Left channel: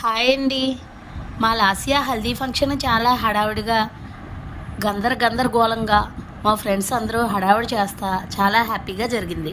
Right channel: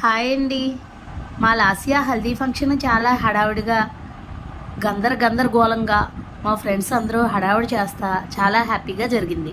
Hi అండి. మా లాసియా haldi function చాలా హడావుడిగా గందరగోళంగా మా ఫ్రెండ్స్ అందరూ హడావుడి చేస్తా చాలా హ్యాపీగా జరిగింది.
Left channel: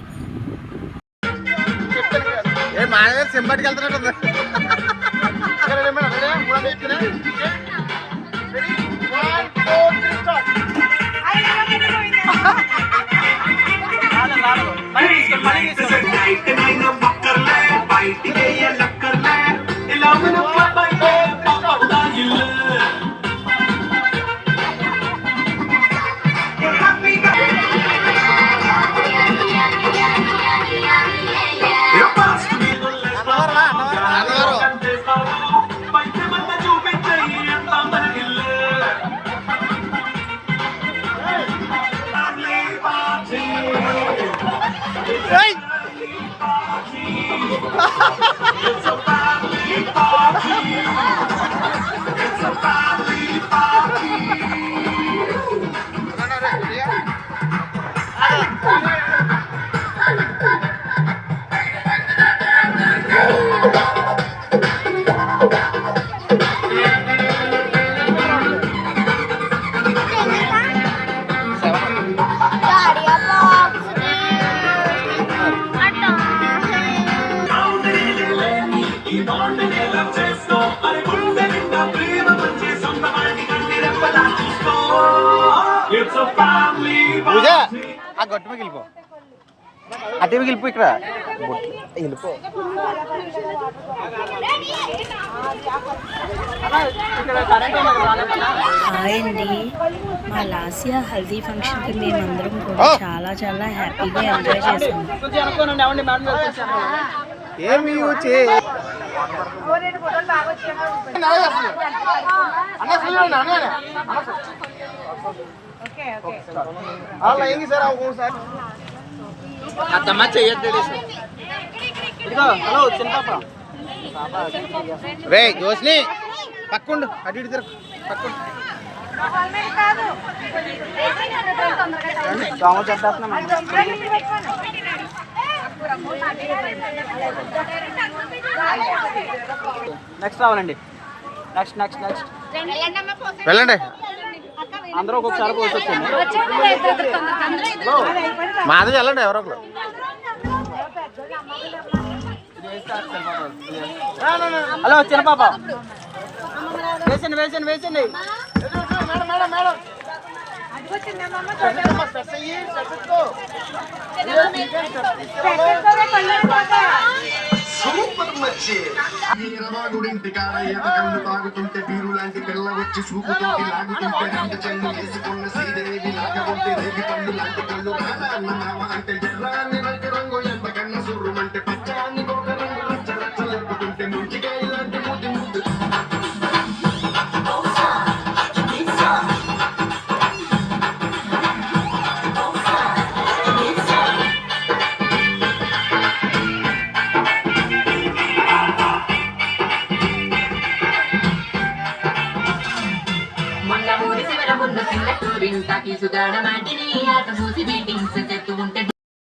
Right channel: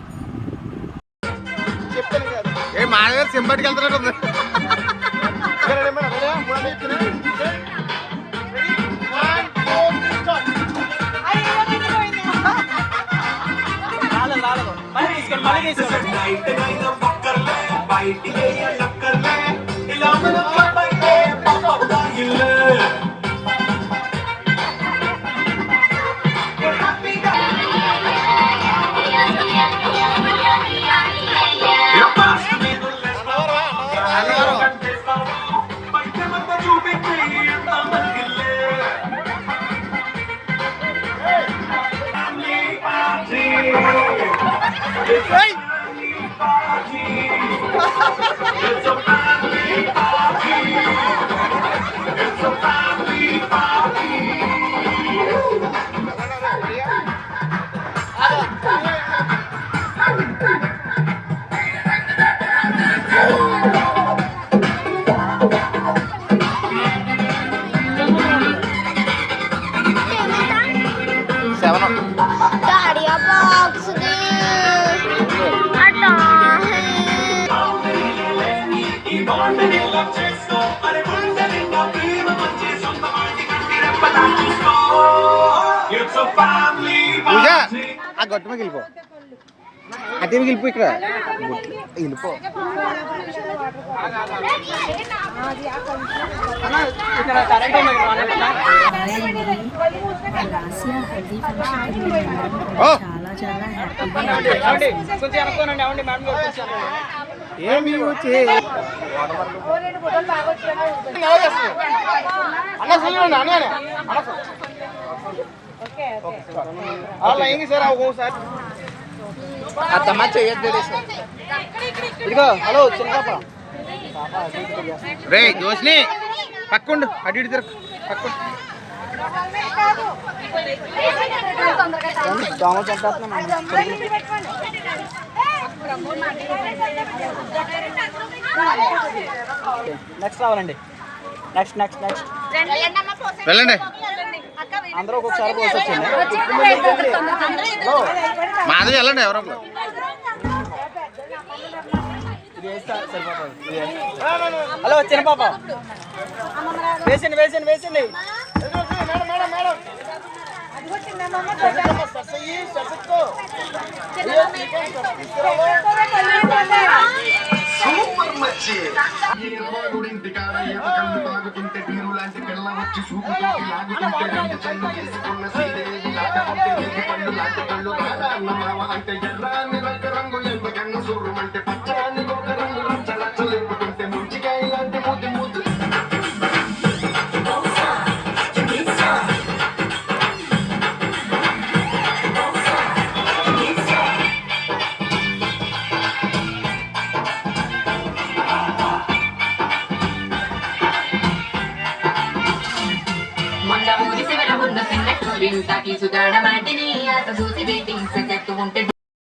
పూజ ఆ గట్టు మీద వెళ్ళిపో, అటే వెళ్ళిపో, ఇక్కడ బొట్లు వెళ్ళిపో. హాయ్ అండి. మా లాసియా హల్దీ ఫంక్షన్కి మేమందరం కూడా చాలా చాలా హ్యాపీగా ఎంజాయ్ చేసాం. ఏమి రే జోష్ని పక్కుండు, అటు ఇటు తిరగ పక్కుండు. నెక్స్ట్ రావాలండి. నెక్స్ట్ నెక్స్ట్ నెక్స్ట్ వెళ్ళండి. అందరూ ఒక్కొక్కసారి కోసి వచ్చింది. మాది వెళ్ళండి ఎవరో ఒకరు. హలో చిన్న పాప వేసండి వేసండి వేసండి. తాగుతుంటే బీరు లాంటి పిల్ల వచ్చి చూపుతోటి లాగుతుంటే రెండు చెల్లు వేసుకున్న సీదేవి లాగకుంటే రేగి పళ్ళు లాంటి కళ్ళు రాగన్న మావ అంటే ఎర్రాన్ని రంగు ఎంతకన్నా సూర్యమంటే పచ్చాన్ని ఒక రంగు రచ్చ రచ్చ లేపుతుంటే ముంచికాయ లాంటి ముద్దు ముద్దు. మొన్న ఊరి శివర ముందు సిన్నట్టు సుగాడ మాటిని ఆట చూసి బీటింగ్స్ చెప్తూ ఉంటే